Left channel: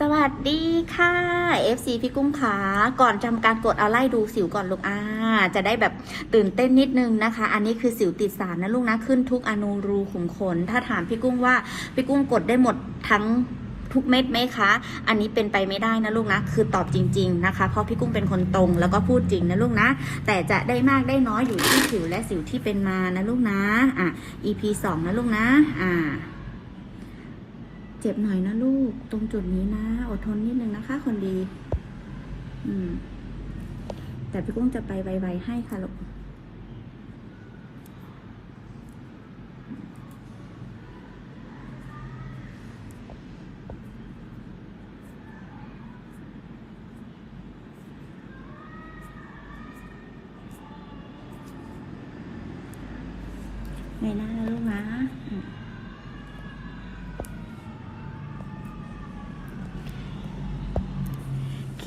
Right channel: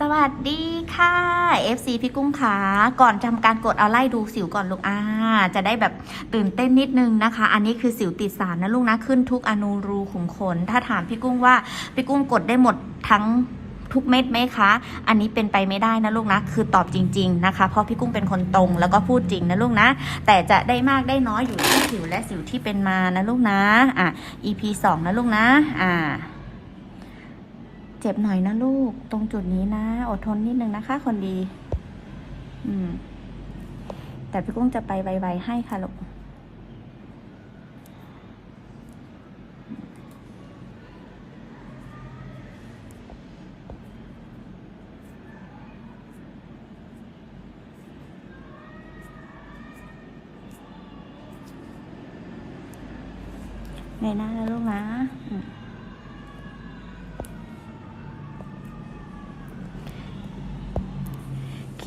สวัสดีค่ะ FC พี่กุ้งขาก่อนทำการกดเอาไล่ดูสิวก่อนลูกอ่าจะได้แบบตื่นเต้นนิดนึงนะคะ อันนี้คือสิวติดสารนะลูกนะขึ้นทุกอนูรูขุมขน ถ้าถามพี่กุ้งว่าพี่กุ้งกดได้หมดทั้งทุกเม็ดไหมคะ อันนี้เป็นไปไม่ได้นะลูกนะ คือตอบจริง ๆนะคะ เพราะพี่กุ้งเป็นคนตรงแล้วก็พูดจริงนะลูกนะ แต่จะได้มากได้น้อยอยู่ที่สิวและสิวที่เป็นมานะลูกนะ อะ EP สองนะลูกนะ อ่า เจ็บหน่อยนะลูก ตรงจุดนี้นะ อดทนนิดนึงนะคะ คนดี อืม แต่พี่กุ้งจะไปไวๆให้ค่ะลูกในหน้านะลูกนะอืม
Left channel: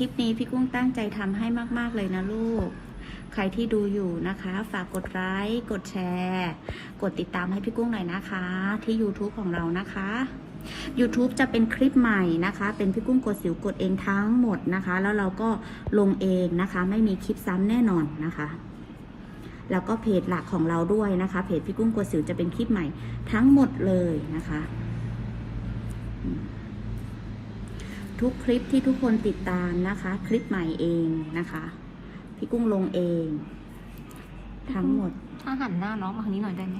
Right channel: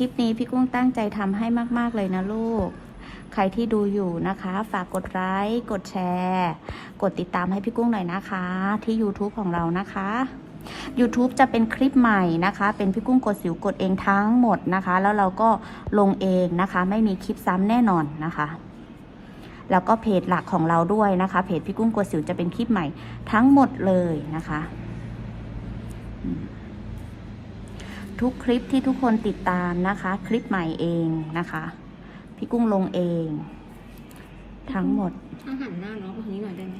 คลิปนี้พี่กุ้งตั้งใจทำให้มาก ๆ เลยนะลูก ใครที่ดูอยู่นะคะ ฝากกดไลค์กดแชร์ กดติดตามให้พี่กุ้งหน่อยนะคะ ที่ YouTube ของเรานะคะ YouTube จะเป็นคลิปใหม่นะคะ เป็นพี่กุ้งกดสิวกดเองทั้งหมดนะคะ แล้วเราก็ลงเองนะคะ ไม่มีคลิปซ้ำแน่นอนนะคะ แล้วก็เพจหลักของเราด้วยนะคะ เพจพี่กุ้งกดสิวจะเป็นคลิปใหม่ทั้งหมดเลยนะคะ ทุกคลิปที่ทุกคนติดตามนะคะ คลิปใหม่เองนะคะ พี่กุ้งลงเอง ทั้งหมดถ้าหันหน้าน้องมาทางนี้หน่อยได้ไหม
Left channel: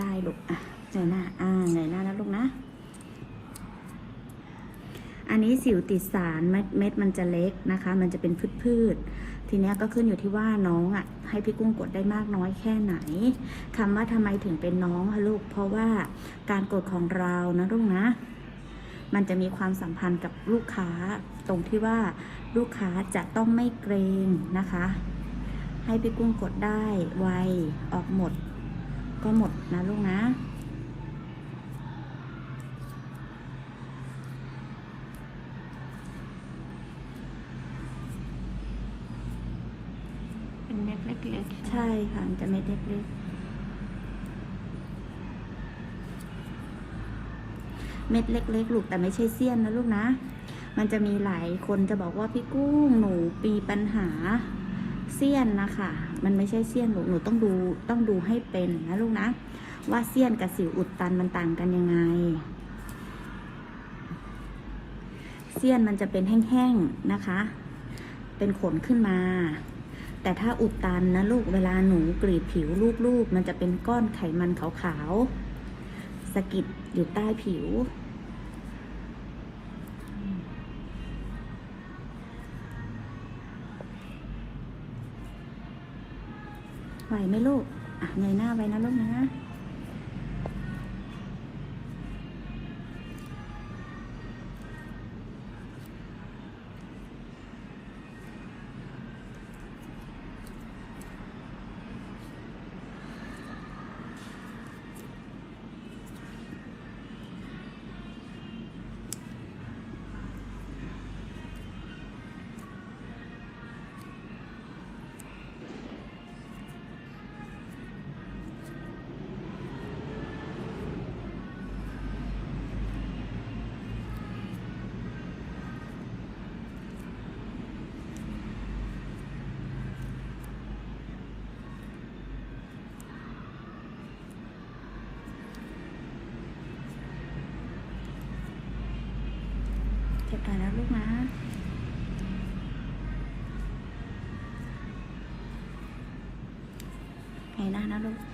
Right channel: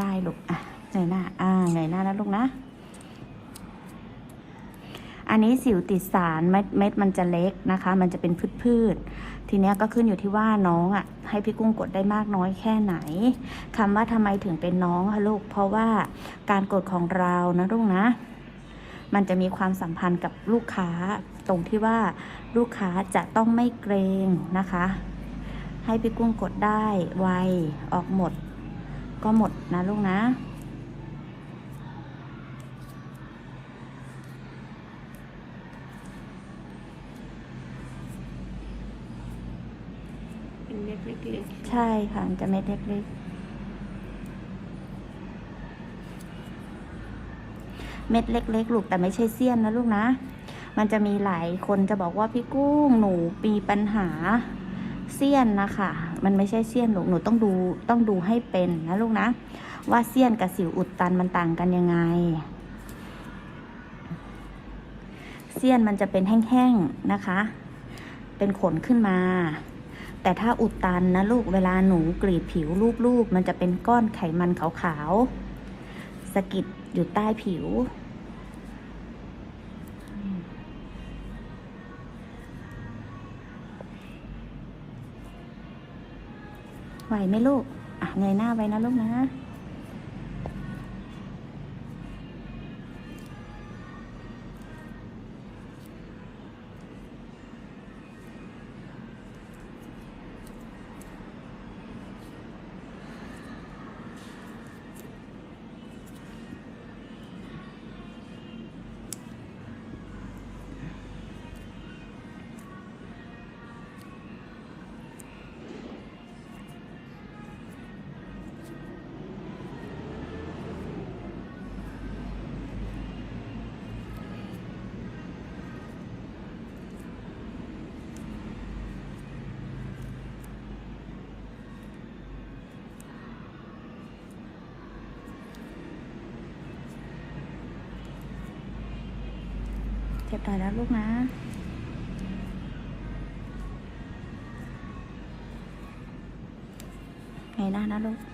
ได้ลูกอะเงยหน้าอ่าเงยหน้าแล้วลูกนะ อันนี้สิวติดสารเม็ดเม็ดมันจะเล็กนะคะ มันจะเป็นพืชพืชๆทีเนี้ยก็ขึ้นอยู่ที่ว่าน้องอะ ให้พี่กุ้งกดได้มากน้อยแค่ไหนคำว่าทำไมถึงเป็นน้องคะลูกเพราะว่าการกดของเรานะลูกนะ มันจะมีความสัมพันธ์กับลูกค้า ตรงที่ว่าลูกค้าจะต้องไม่เกรงนะคะ ให้พี่กุ้งกดได้ไวออกหมด ก็หมดนะลูกนะเป็นเม็ดเล็กใช่ค่ะมันจะเม็ดเล็กๆ เม็ดเล็ก ๆ ลูกแต่ไม่ใช่เสี้ยนนะลูกนะ มันจะมีหลายคนจะบอกว่าพี่กุ้งหนูปีปัญหาเสี้ยนนะคะ มันไม่ใช่เสี้ยนลูกหนูต้องดูต้องดูให้เป็นนะลูกนะ ว่าเสี้ยนกับสิวอุดตันมันต่างกันยังไงเสี้ยนมันจะเป็นแห้งๆนะคะ เป็นขนขึ้นมา แต่ถ้าอุดตันนะลูกเวลาหนูกรีดผิวรูปๆมันจะเป็นก้อนไขมันขาวๆ สะกิดอยู่ใต้ผิว ไหวไหมลูก อะเงยหน้าไว้นะลูกนะ เก็บไปแล้วลูกนะไงหน้านะลูกๆ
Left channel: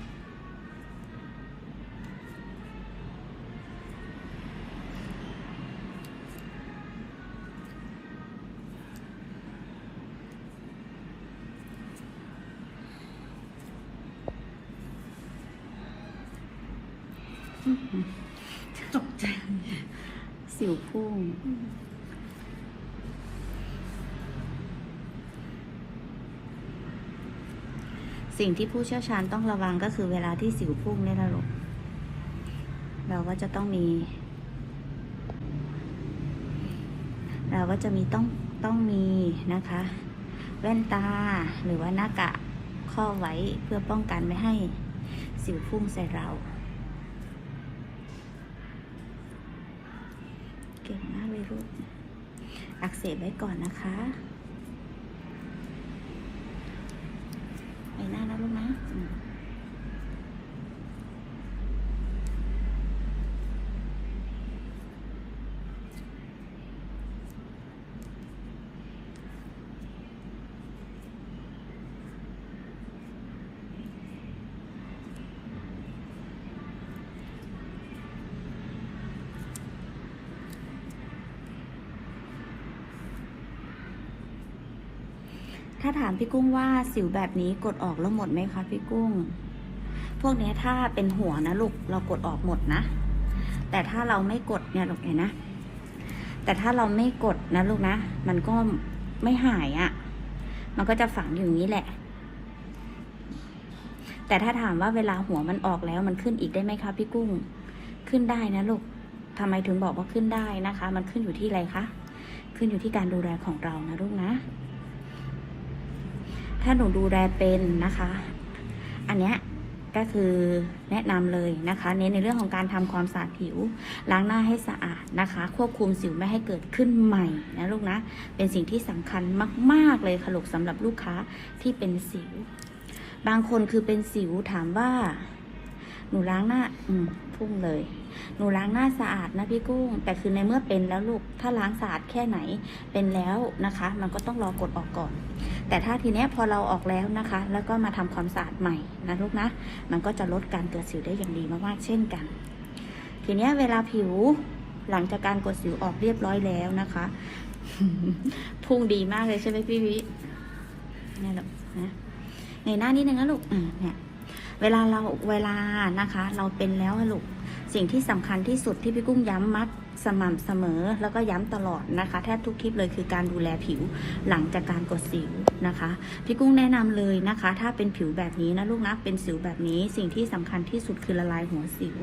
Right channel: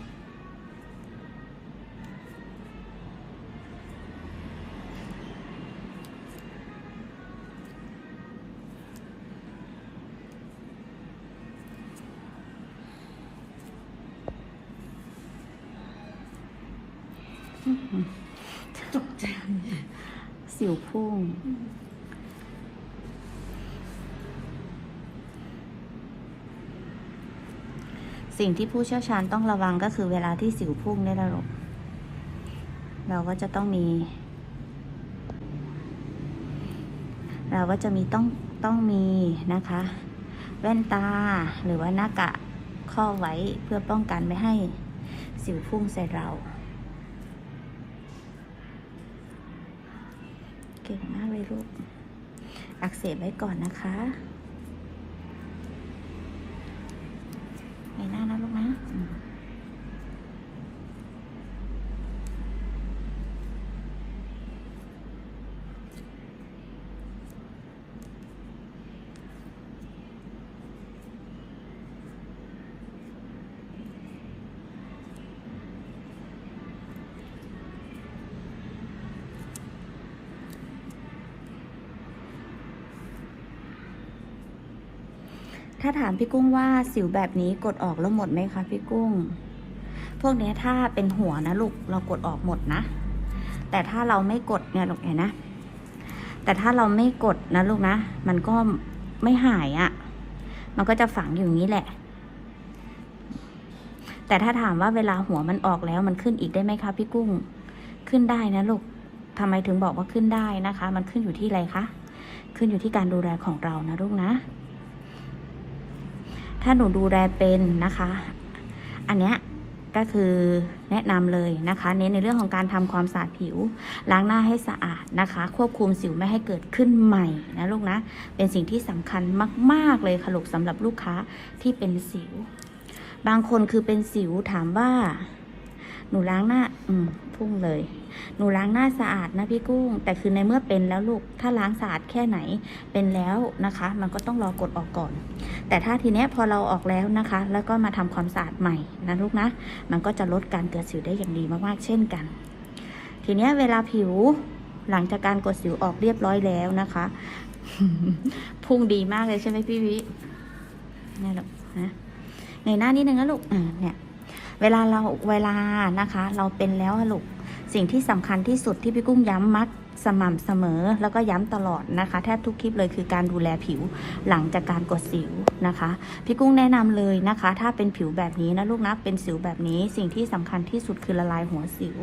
ตกใจสิวพุ่ง สิ่งที่ผู้เชี่ยวชาญต้องระวังก็คือเวลาที่สิวพุ่งเนี่ยนะลูกเราก็จะต้องมี เราก็จะมีต้องต้องมีนะคะ แว่นตาหรือว่าหน้ากากข้อไว้เพื่อป้องกันไม่ให้สิวพุ่งใส่เราเก่งมากเลยลูกอักเสบไว้ก่อนนะคะในหน้านะลูกนะอืม ถ้าถามพี่กุ้งว่าสิวแบบนี้กดออกแล้วหมดไหมคะพี่กุ้ง พวกนี้ถ้าเป็นหัวนะลูกเรากดออกหมดนะ แต่ถ้าเราไม่กดเนี่ยลูกเห็นนะ แต่ถ้าเราไม่กดนะลูกนะ มันก็ไม่หายอะ่ะ มันก็จะฝังอยู่นี้แหละ แต่ถ้าถามว่าเวลาหัวมันออกแล้วมันขึ้นอีกได้ไหมคะพี่กุ้ง ขึ้นได้นะลูกทำไมถึงบอกว่าขึ้นได้นะคะ มันขึ้นอยู่ที่อะไรคะ ขึ้นอยู่ที่การดูแลของเรานะลูกนะ ถ้าหนูดูแลเป็นนะคะ อันเนี้ยก็คือแนะนำเลยนะคะเน้นในเรื่องของการทำความสะอาดผิว ล้างหน้าให้สะอาดนะคะ ควบคุมสิวไม่ให้เกิดขึ้นใหม่นะลูกนะ เป็นสิ่งที่สำคัญมาก ๆเลยค่ะลูกสำหรับลูกค้าที่เป็นสิว บางคนคือเป็นสิวถามว่า หนูล้างหน้า อืม พุ่งเลย หนูล้างหน้าสะอาดนะพี่กุ้ง แต่คือในเมื่อเป็นแล้วลูก ถ้าล้างสะอาดแค่ไหนเป็นแล้วนะคะ มันก็ต้องรอกดออกก่อน แต่ถ้าทีเนี้ยพอเราออกแล้วนะคะ แล้วก็มาทำความสะอาดใหม่นะลูกนะ มันก็จะลดการเกิดสิวได้อย่างดีมากๆเช่นกัน ทีเนี้ยเวลาผิวหลังจากการกดสิวออกเรียบร้อยแล้วนะคะ พุ่งดีมากเลยใช่ไหมพี่วินี่ลูกนะในหน้านิดนึงนะลูกอ่าเนี่ย เวลาเราเวลานะคะ เราเป็นแล้วลูกสิ่งที่สำคัญที่สุดที่พี่กุ้งย้ำมัด สม่ำเสมอแล้วก็ย้ำตลอดนะคะ แทบทุกคลิปเลยคือการดูแลผิวหลังจากการกดสิวนะคะ พี่กุ้งแนะนำเลยนะคะ ถ้าเป็นผิวแบบนี้นะลูกนะเป็นสิวแบบนี้ สิ่งที่สำคัญที่สุดคือละลายหัวสิว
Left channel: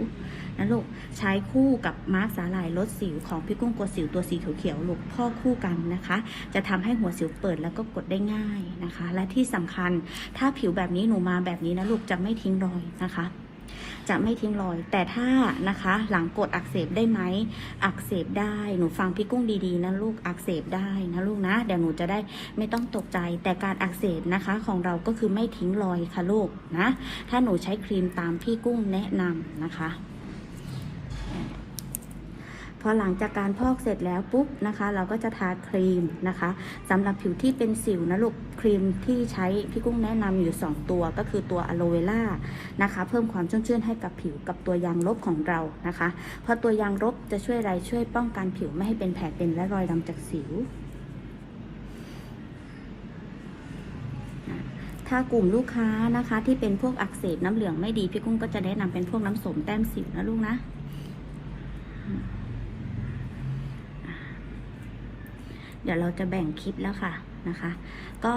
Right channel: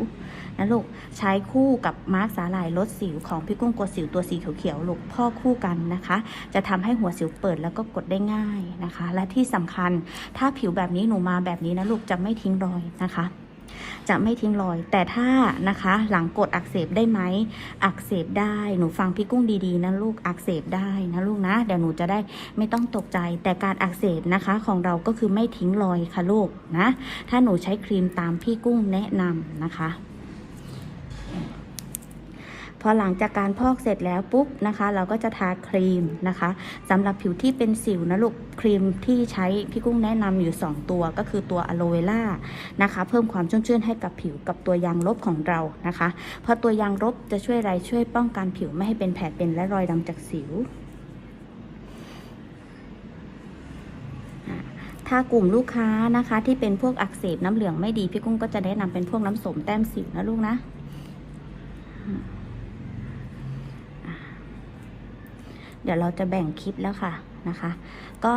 นะลูกใช้คู่กับมาร์กสาหร่ายลดสิวของพี่กุ้งกดสิวตัวสีเขียวๆลูกพ่อคู่กันนะคะ จะทำให้หัวสิวเปิดแล้วก็กดได้ง่ายนะคะ และที่สำคัญถ้าผิวแบบนี้หนูมาแบบนี้นะลูกจะไม่ทิ้งรอยนะคะ จะไม่ทิ้งรอย แต่ถ้านะคะหลังกดอักเสบได้ไหม อักเสบได้ หนูฟังพี่กุ้งดีๆนะลูกอักเสบได้นะลูกนะเดี๋ยวหนูจะได้ไม่ต้องตกใจ แต่การอักเสบนะคะของเราก็คือไม่ทิ้งรอยค่ะลูกนะ ถ้าหนูใช้ครีมตามพี่กุ้งแนะนำนะคะ พอหลังจากการพอกเสร็จแล้วปุ๊บนะคะ เราก็จะทาครีมนะคะสำหรับผิวที่เป็นสิวนะลูกครีมที่ใช้พี่กุ้งแนะนำอยู่ 2 ตัวก็คือตัวอะโลเวล่านะคะ เพิ่มความชุ่มชื่นให้กับผิวกับตัวยางลบของเรานะคะ เพราะตัวยางลบจะช่วยอะไรช่วยป้องกันผิวไม่ให้เป็นแผลเป็นและรอยดำจากสิวถ้ากลุ่มลูกค้านะคะที่เป็นพวกอักเสบน้ำเหลืองไม่ดี พี่กุ้งก็จะแนะนำเป็นพวกน้ำสมแต้มสิวนะลูกนะ เดี๋ยวเราจะแบ่งคลิปแล้วค่ะ นะคะ ก็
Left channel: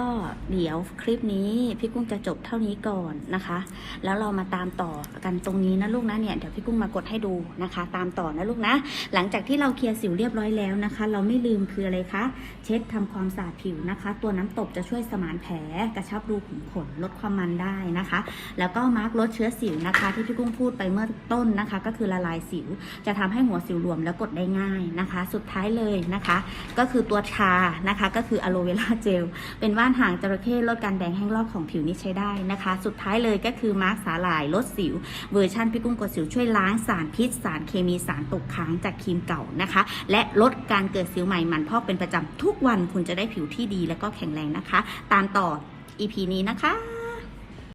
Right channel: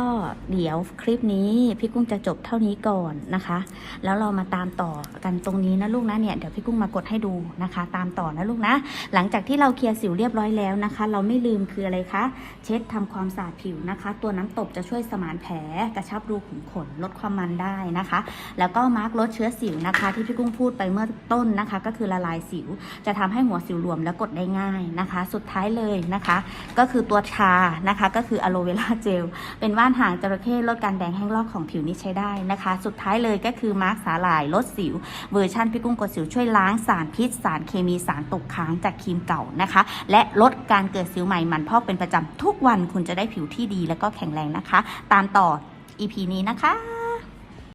เดี๋ยวคลิปนี้พี่กุ้งจะจบเท่านี้ก่อนนะคะ แล้วเรามาตามต่อกันตรงนี้นะลูกนะเนี่ยเดี๋ยวพี่กุ้งมากดให้ดูนะคะ ตามต่อนะลูกนะ หลังจากที่เราเคลียร์สิวเรียบร้อยแล้วนะคะ เราไม่ลืมคืออะไรคะ เช็ดทำความสะอาดผิวนะคะ ตัวน้ำตบจะช่วยสมานแผลกระชับรูขุมขนลดความมันได้นะคะ แล้วก็มาร์กลดเชื้อสิวนะคะ ที่พี่กุ้งพูดไปเมื่อต้นนะคะ ก็คือละลายสิว จะทำให้หัวสิวรวมและกดได้ง่ายนะคะ สุดท้ายเลยนะคะ ก็คือตัวชานะคะ ก็คืออะโลเวราเจล เป็นว่านหางจระเข้ลดการแดงแห้งลอกของผิวนี่ใช้ได้นะคะ สุดท้ายเลยก็คือมาร์กสาหร่ายลดสิว เวอร์ชันพี่กุ้งกดสิวช่วยล้างสารพิษ สารเคมีสารตกค้างจากครีมเก่านะคะ และลดการเกิดสิวใหม่มันพอกเป็นประจำทุกวันคุณจะได้ผิวที่ดีและก็แข็งแรงนะคะ ตามต่อ EP นี้นะคะ